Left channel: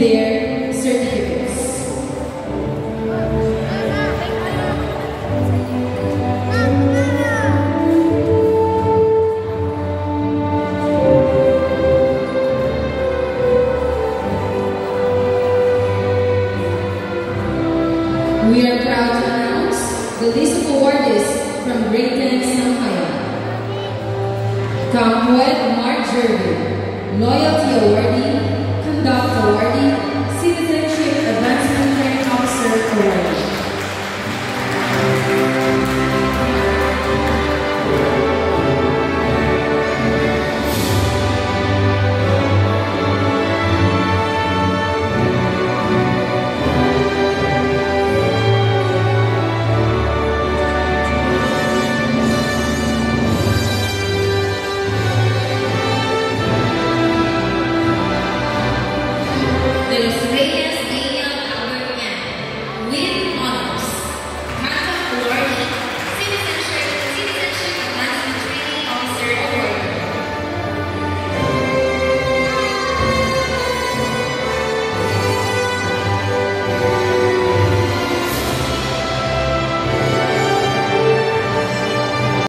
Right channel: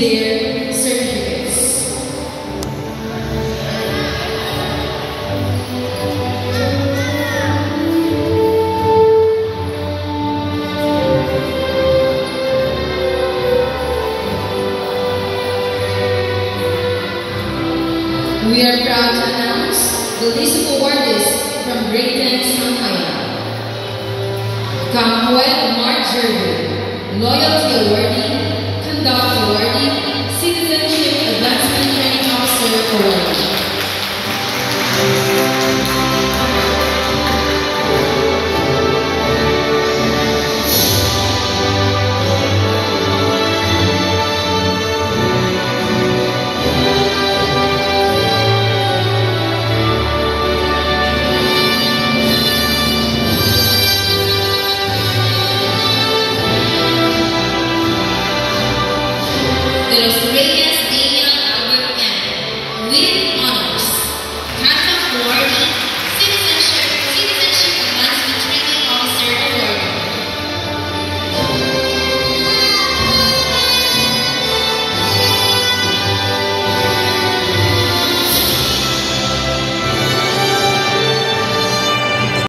their certificates. We are proud to announce the list of awardees from Great Things Sampaya. Kamwet Mark Jervin, Loyalty Awardee, Conduct Awardee, Citizenship Advancement Training Officer Awardee. De los